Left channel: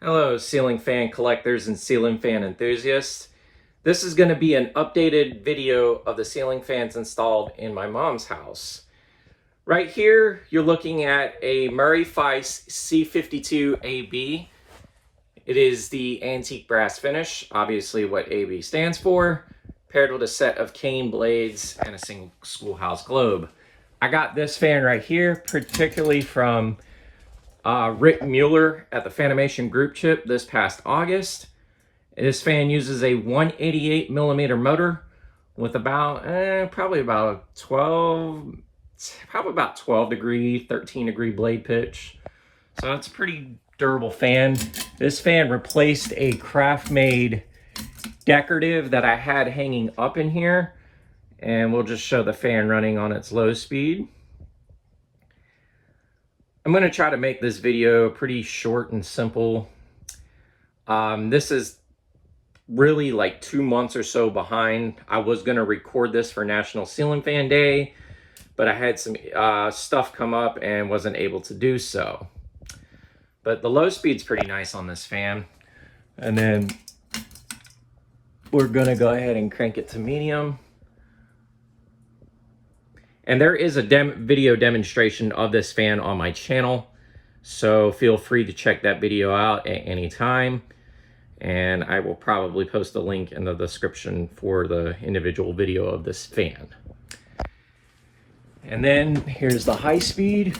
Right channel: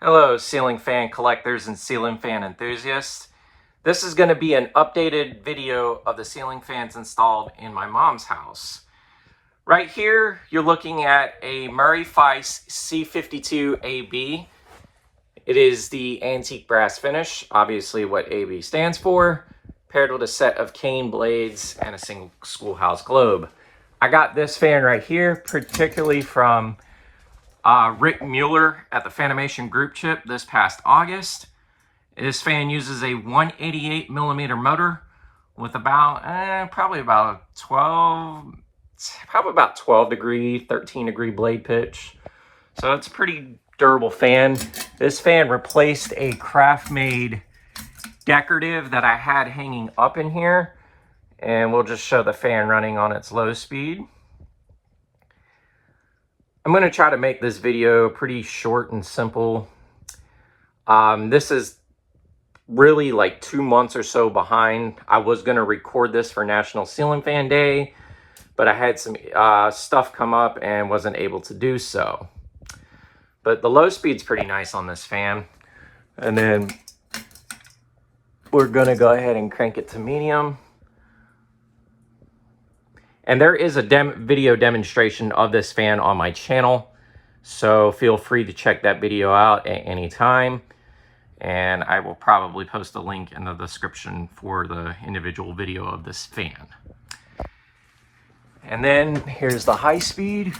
Hello, ceiling fan collectors and ceiling fan enthusiasts. This is going to be an updated video of the ceiling fans installed in my mom's house. Right here, you're looking at a Murray Feist C52AB. It is the antique brass finish, obviously what AB stands for, paired with a set of cane blades and a single schoolhouse globe. I got this fan right here, particularly from Rick Mueller at the Fanimation group chip this past August. This fan uses a 188 millimeter motor with about probably about 12 degree, 13 degree blade pitch. So it's a pretty durable fan. This fan replaced a craft made decorative that I had hanging up in here, and we'll just show the fan running on its low speed. I'm going to try to make this video pretty short and simple. This is really like 2 months or so behind. I was going to record this for National Ceiling Fan Day, but I had some stuff come up and wasn't able to do so. But the low speed's pretty nice on this fan. And then we're going to go ahead and crank it to medium. And there is a video demonstration of this fan on my channel, so feel free to check that video out at any time. And I will probably post a link in the description for the individual video of this fan. And then here's the high speed.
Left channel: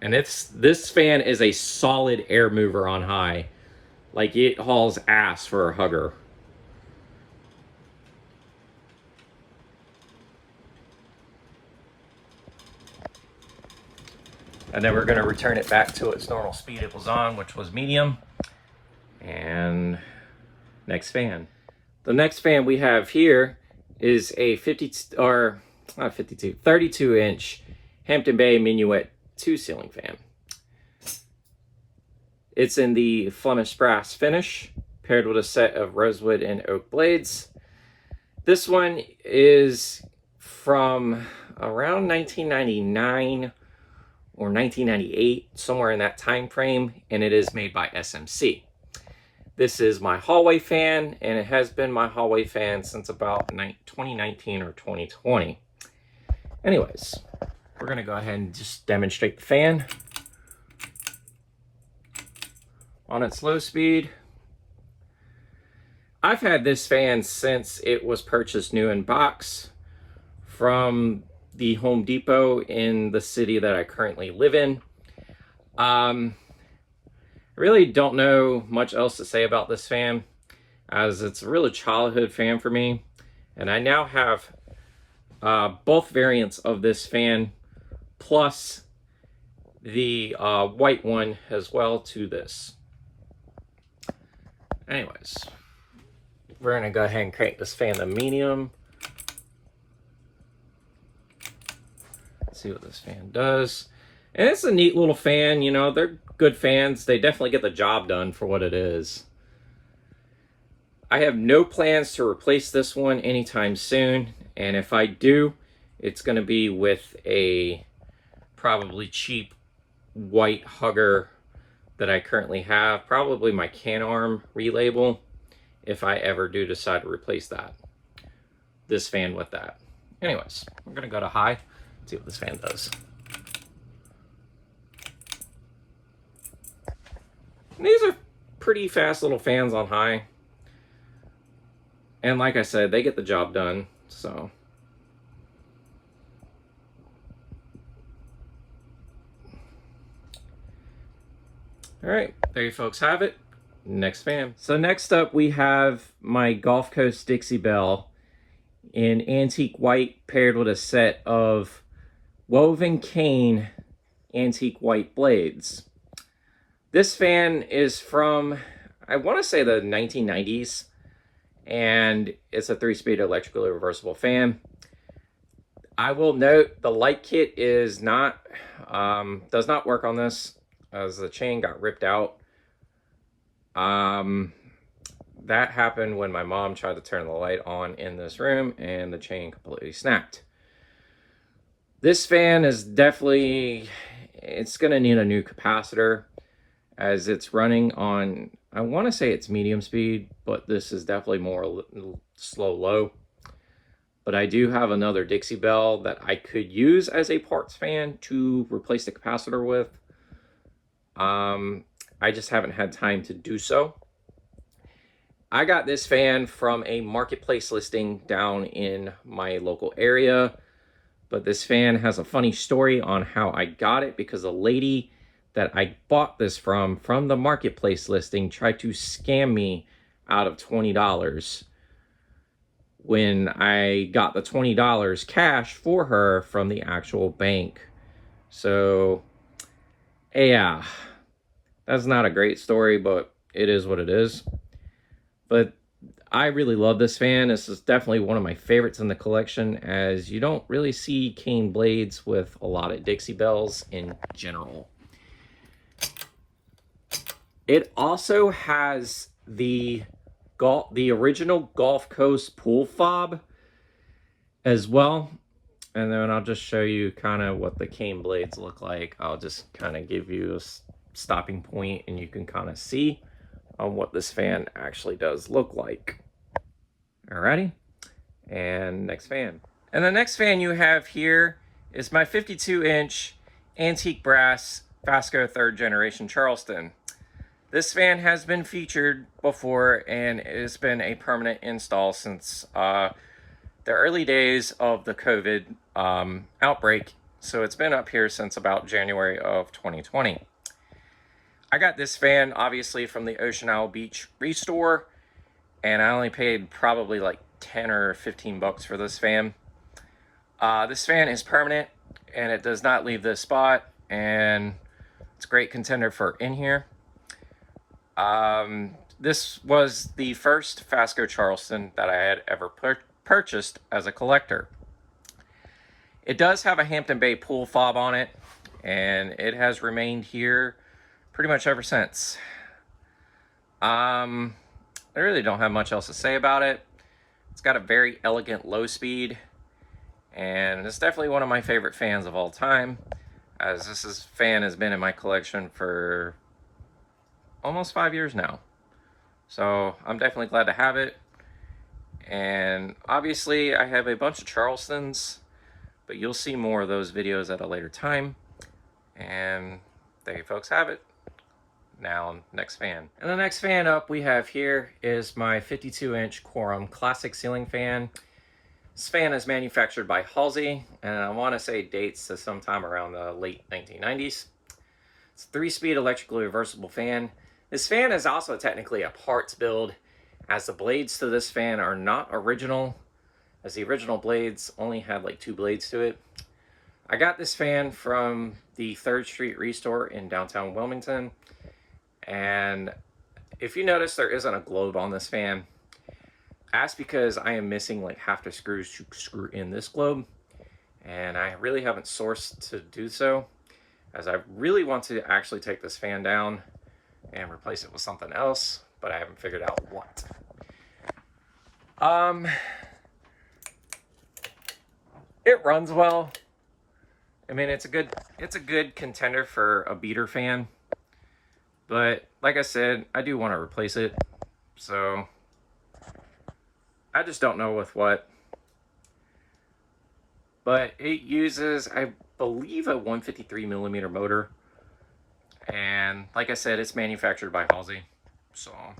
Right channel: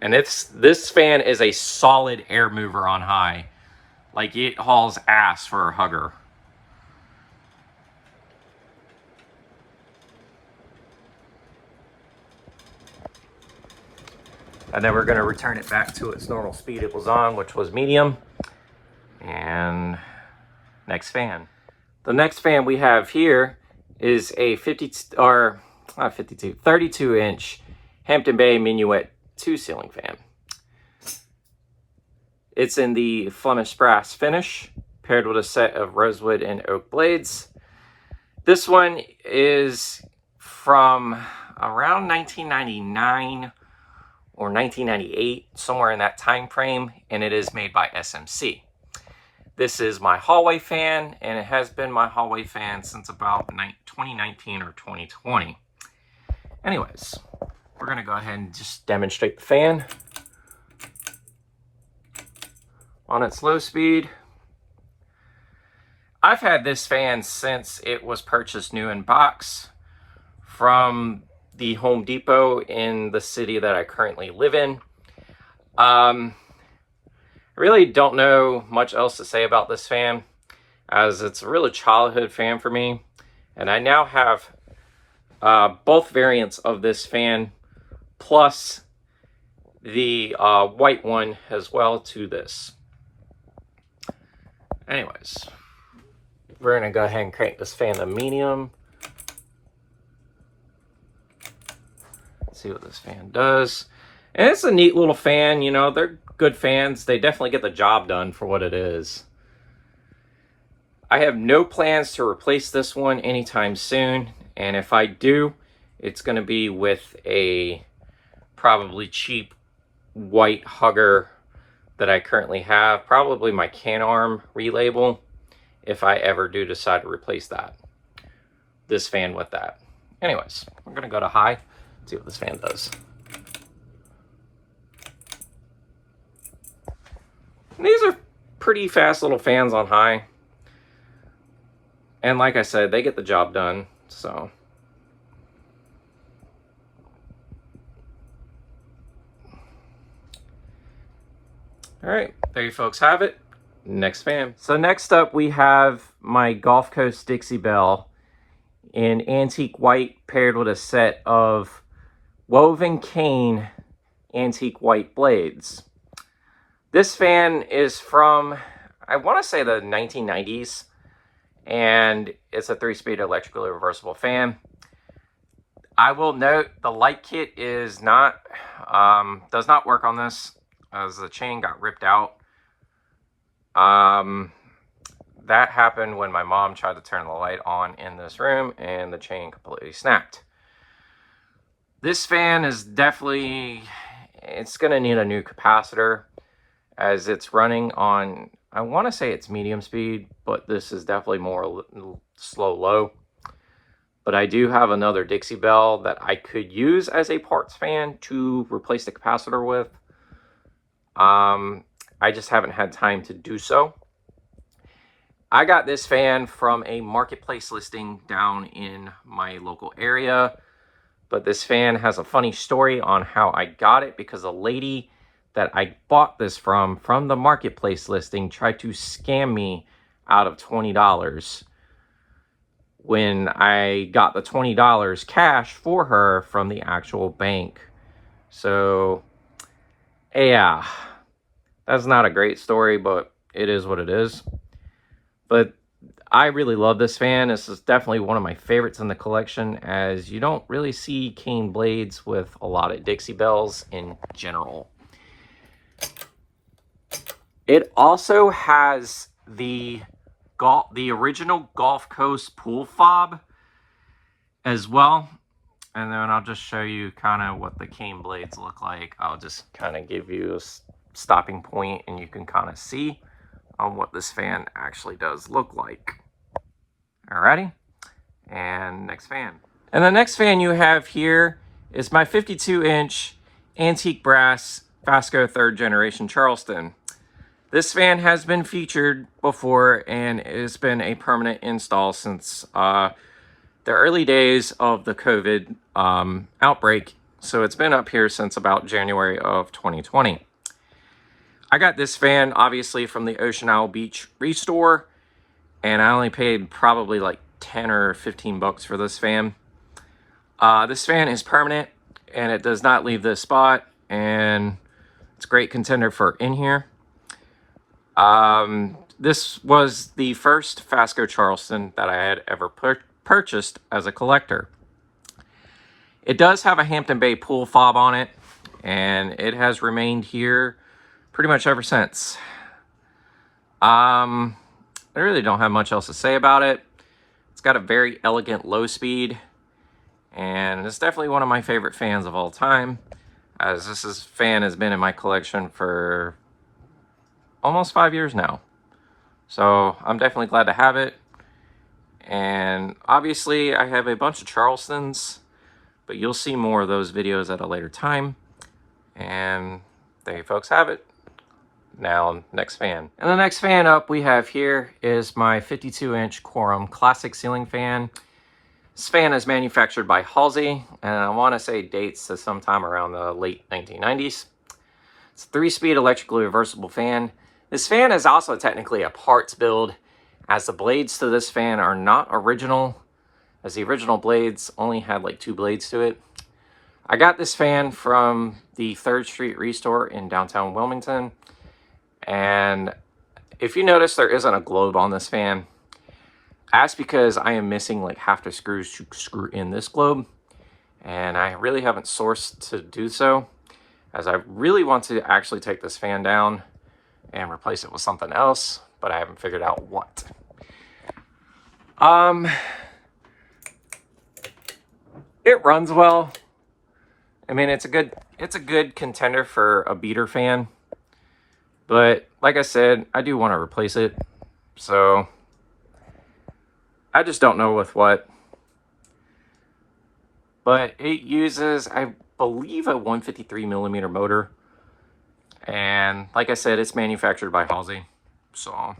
And this fan is a solid air mover on high. Like, it hauls ass for a hugger. And then we're going to return it back to its normal speed it was on, which was medium. And next fan. The next fan we have here is a 32-inch Hampton Bay Minuet 2 ceiling fan. It's in the Flemish brass finish, paired with a set of rosewood and oak blades. This one is from around 1999 or 1998, somewhere in that time frame, and it is made by SMC. This is my hallway fan, and it has been my hallway fan since about 2019 or 2020. Anyways, we're gonna go ahead and just demonstrate the fan on its low speed. I've had this fan since it was purchased new in box from the Home Depot in the city that I currently live in. I really don't know much else to say about this fan, as it's a really childhood fan for me. And I now have both variants of this fan, plus the white one as well to this. Anyways, we're gonna go ahead and crank this fan to medium. Let's see what this fan does. And it's a neat little fan, you know, they're good fans. They definitely get the job done for what it is. I have no plans to replace this one anytime soon, and if I do, it's gonna be with a probably cheap white hugger that I currently have, probably my Can-Arm relabel, if I ever do decide to replace this fan with that. Anyways, we're gonna go to high, see what this fan does. And these are pretty fast little fans on high. And like I said, they get the job done, so. All right, there you folks have it. Next fan. So next up we have my Gulf Coast Dixie Belle in antique white, paired with a set of woven cane antique white blades. This fan is from, I want to say, the 1990s, and it's a 3-speed electrically reversible fan. I will note the light kit is not, does not work on this, as the chain got ripped out. That happened when my mom tried to turn the light on in this room and the chain completely snapped. This fan is definitely, it's going to need a new capacitor as it's running on, I want to say it's medium speed, but this is definitely more slow low. But I do have another Dixie Bell that I could use as a parts fan to replace the capacitor with. I just haven't had time to do so. I got this fan from a marketplace listing down in my local area, but this fan has a funny story on how I got it, because a lady that I bought this from the marketplace listing tried to scam me out of $20 when I got the $20 cash for her from the actual bank. So yeah, that's not a great story, but it is what it is. But I really love this fan. This is definitely one of my favorites in the collection, as you don't really see cane blades with a lot of Dixie Bells in general. It also has the original Gulf Coast pool fob as well. And then I'll just show you kind of what the cane blades look like. I'll just kind of give you a stopping point and you can kind of see on what this fan actually does look like. Alrighty, and next fan. And the next fan you have here is my 52-inch antique brass Fasco 3rd generation Charleston. This fan has been featured before and it's been a permanent install since the early days of the COVID outbreak. So it's been up here since about January of 2020. I got this fan obviously from the Ocean Isle Beach Restore, and I only paid probably like 10 or 15 bucks for this fan. This fan is permanent and it does not leave this spot, and it's a great contender for in here. This was the first Fasco Charleston that I had ever purchased as a collector. It does have a Hampton Bay pool fob on it, and it has remained here pretty much ever since. I really don't have much else to say about it. It's got a very elegant low speed, and it's definitely one of my favorite fans of all time, as this fan has been in my collection for almost 5 years now. So I'm definitely glad to have it. And obviously I have a bunch of Charlestons, but you'll see more of those videos at a later time. And there you folks have it. Now, next fan. And the next fan up we have here is my 52-inch Quorum Classic ceiling fan. This fan is manufactured by Halsey, and I want to say dates to sometime around the late 1990s. It's a 3-speed electrically reversible fan. This fan is also technically a parts build, as the blades to this fan are not original, as the original blades only had like 2 blades to it. I got this fan from the 3rd Street Restore in downtown Wilmington. And if you notice, there isn't a globe on this fan. That's because I am missing like half the screws to screw in this globe, and I really haven't sourced to do so, as I really want to actually take this fan down and replace it with something else, but I haven't figured out what. It runs well. I mean, it's a good contender for a beater fan. But like I said, I do want to replace it. So I just don't know with what. But it uses, I believe, a 153mm motor. And like I said, it's manufactured by Halsey. So,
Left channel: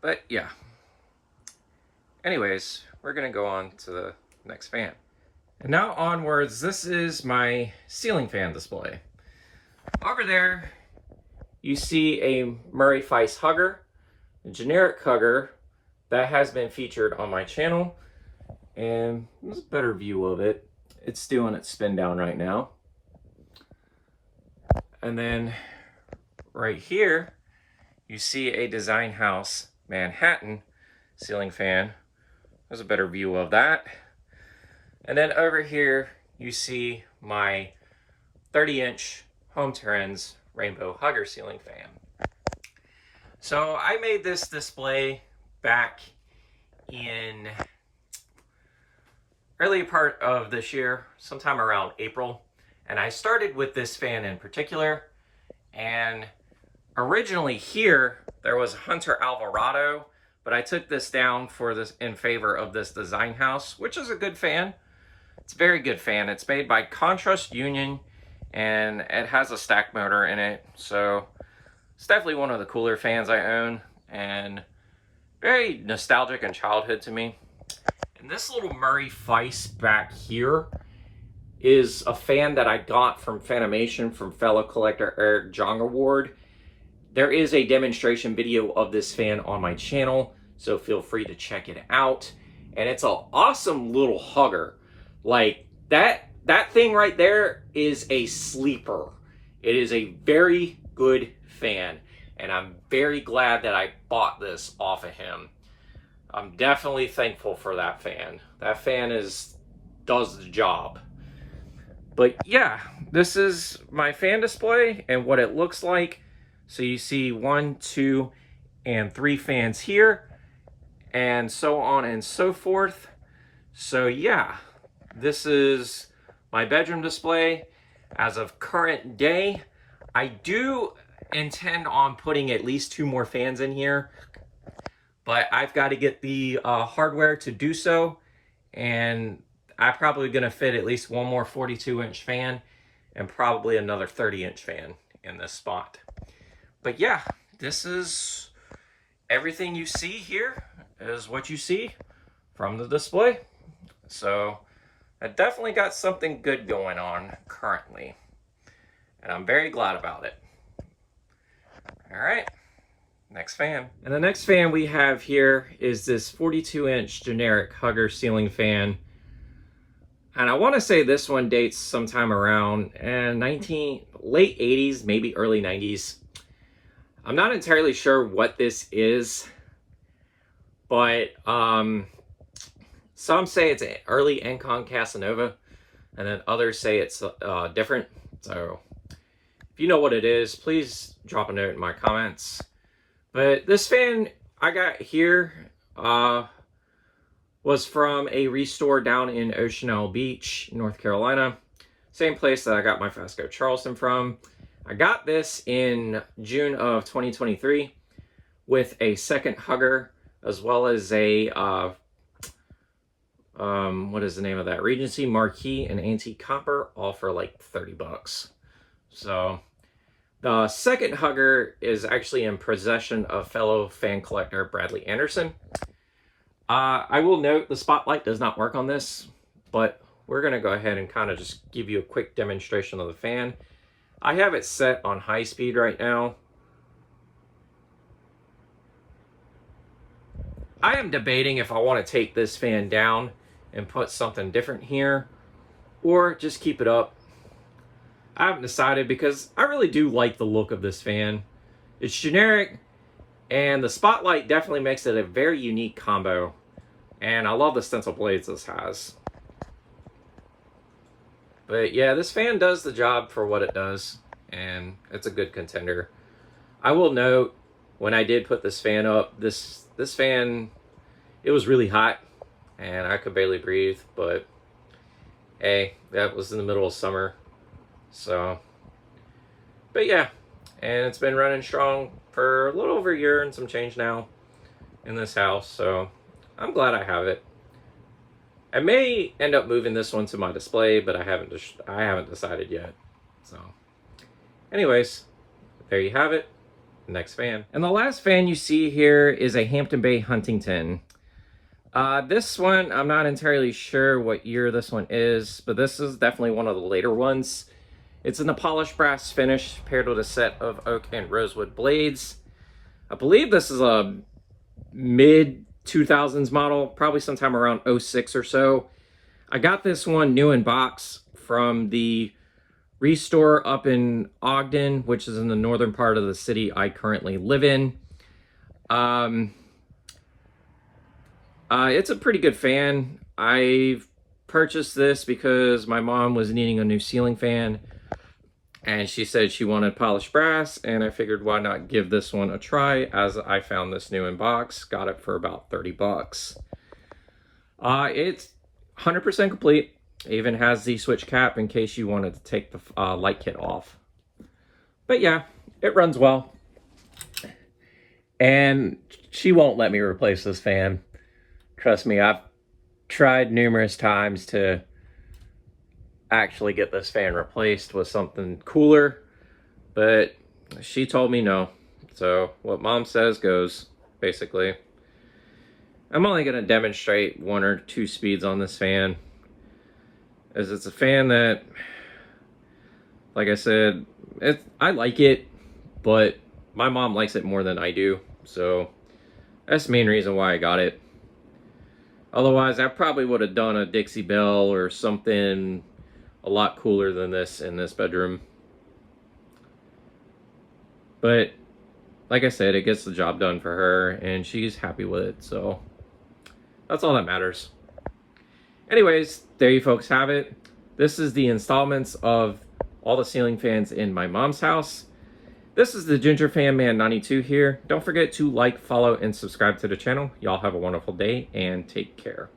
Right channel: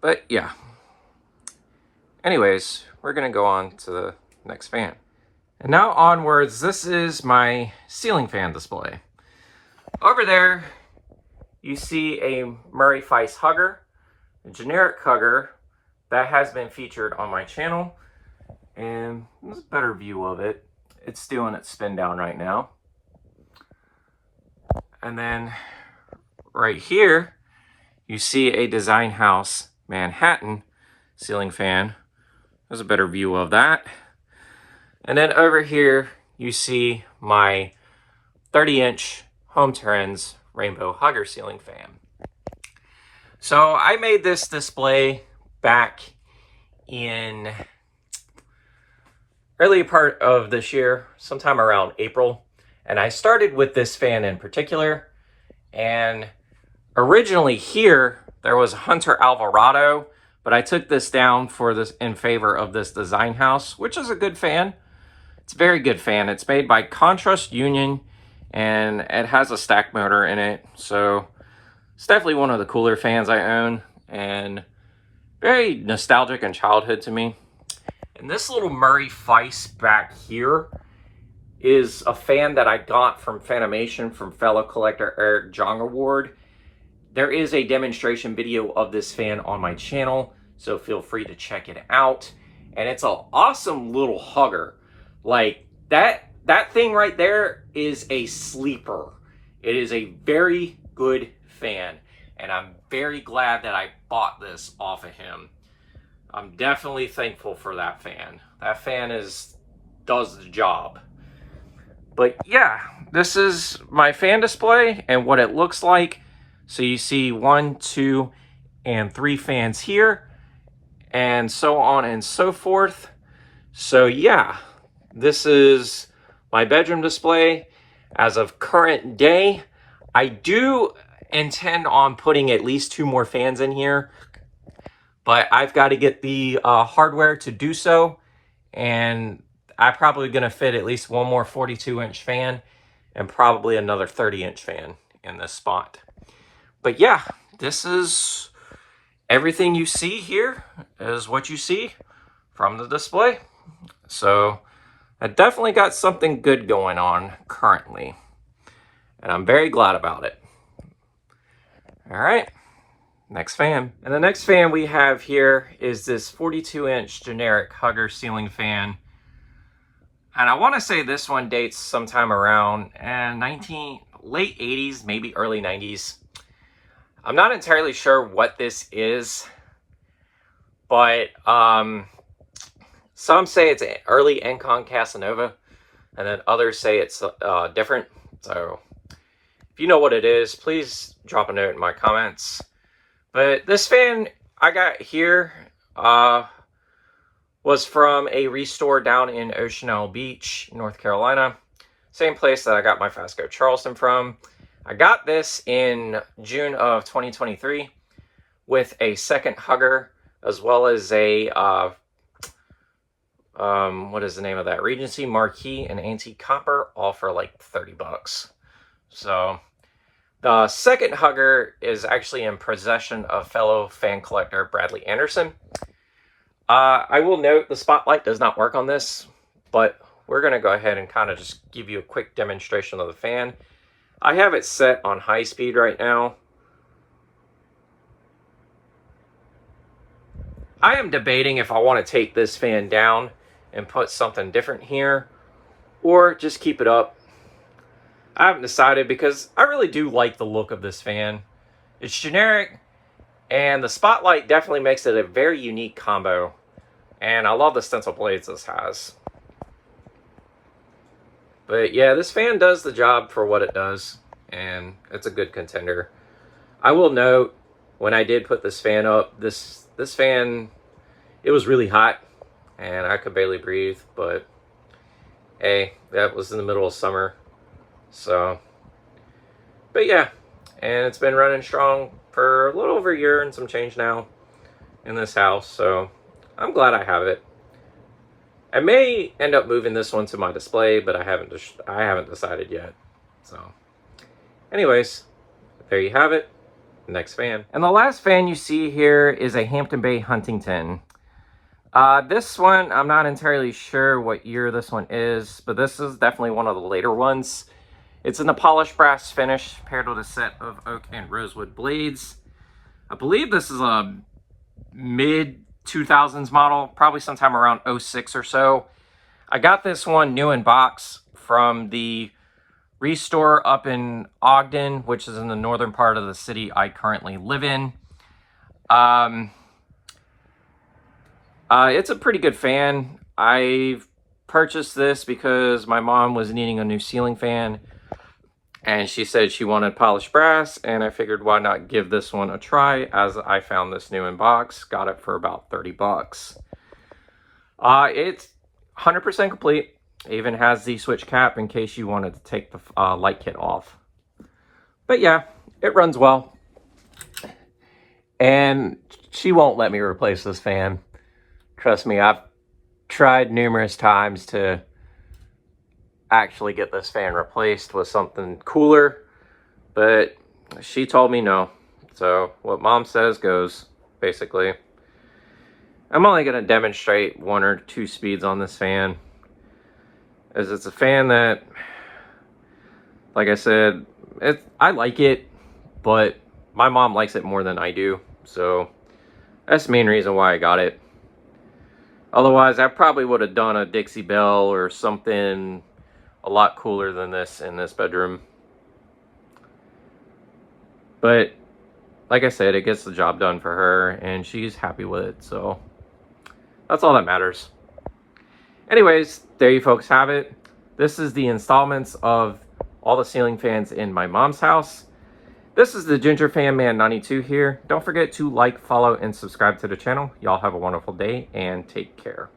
but yeah. Anyways, we're going to go on to the next fan. And now onwards, this is my ceiling fan display. Over there, you see a Murray Feist hugger, a generic hugger that has been featured on my channel. And there's a better view of it. It's doing its spin down right now. And then right here, you see a Design House Manhattan ceiling fan. There's a better view of that. And then over here, you see my 30-inch Home Trends Rainbow Hugger ceiling fan. So I made this display back in early part of this year, sometime around April, and I started with this fan in particular. And originally here, there was a Hunter Alvarado, but I took this down for this in favor of this Design House, which is a good fan. It's a very good fan. It's made by Contrast Union, and it has a stack motor in it. So it's definitely one of the cooler fans I own, and very nostalgic and childhood to me. And this little Murray Feist back here is a fan that I got from Fanimation from fellow collector Eric Jongerward. There is a demonstration video of this fan on my channel, so feel free to check it out. And it's an awesome little hugger. Like, that thing right there is a sleeper. It is a very good fan, and I'm very glad that I bought this off of him. I'm definitely thankful for that fan. That fan does the job. But yeah, this is my fan display and what it looks like. So you see 1, 2, and 3 fans here, and so on and so forth. So yeah, this is my bedroom display as of current day. I do intend on putting at least 2 more fans in here, but I've got to get the hardware to do so, and I'm probably going to fit at least 1 more 42-inch fan and probably another 30-inch fan in this spot. But yeah, this is everything you see here is what you see from the display. So I definitely got something good going on currently, and I'm very glad about it. All right, next fan. And the next fan we have here is this 42-inch generic hugger ceiling fan. And I want to say this one dates sometime around late 80s, maybe early 90s. I'm not entirely sure what this is, but some say it's an early Encon Casanova, and then others say it's different. So if you know what it is, please drop a note in my comments. But this fan I got here was from a restore down in Ocean Isle Beach, North Carolina. Same place that I got my Fasco Charleston from. I got this in June of 2023 with a second hugger, as well as a, what is the name of that? Regency Marquee and Antique Copper, all for like 30 bucks. So the second hugger is actually in possession of fellow fan collector Bradley Anderson. I will note the spotlight does not work on this, but we're going to go ahead and kind of just give you a quick demonstration of the fan. I have it set on high speed right now. I am debating if I want to take this fan down and put something different here, or just keep it up. I haven't decided because I really do like the look of this fan. It's generic, and the spotlight definitely makes it a very unique combo. And I love the stencil blades this has. But yeah, this fan does the job for what it does, and it's a good contender. I will note, when I did put this fan up, this fan, it was really hot, and I could barely breathe, but hey, that was in the middle of summer. So, but yeah, and it's been running strong for a little over a year and some change now in this house, so I'm glad I have it. I may end up moving this one to my display, but I haven't decided yet. So anyways, there you have it. Next fan. And the last fan you see here is a Hampton Bay Huntington. This one, I'm not entirely sure what year this one is, but this is definitely one of the later ones. It's in the polished brass finish paired with a set of oak and rosewood blades. I believe this is a mid-2000s model, probably sometime around 06 or so. I got this one new in box from the restore up in Ogden, which is in the northern part of the city I currently live in. It's a pretty good fan. I purchased this because my mom was needing a new ceiling fan, and she said she wanted polished brass, and I figured why not give this one a try, as I found this new in box. Got it for about 30 bucks. It's 100% complete. It even has the switch cap in case you wanted to take the light kit off. But yeah, it runs well. And she won't let me replace this fan. Trust me, I've tried numerous times to actually get this fan replaced with something cooler, but she told me no. So what mom says goes, basically. I'm only going to demonstrate 1 or 2 speeds on this fan, as it's a fan that, like I said, I like it, but my mom likes it more than I do, so that's the main reason why I got it. Otherwise, I probably would have done a Dixie Belle or something a lot cooler than this in this bedroom. But like I said, it gets the job done for her, and she's happy with it, so that's all that matters. Anyways, there you folks have it. This is the installments of all the ceiling fans in my mom's house. This is the Ginger Fan Man 92 here. Don't forget to like, follow, and subscribe to the channel. Y'all have a wonderful day and take care.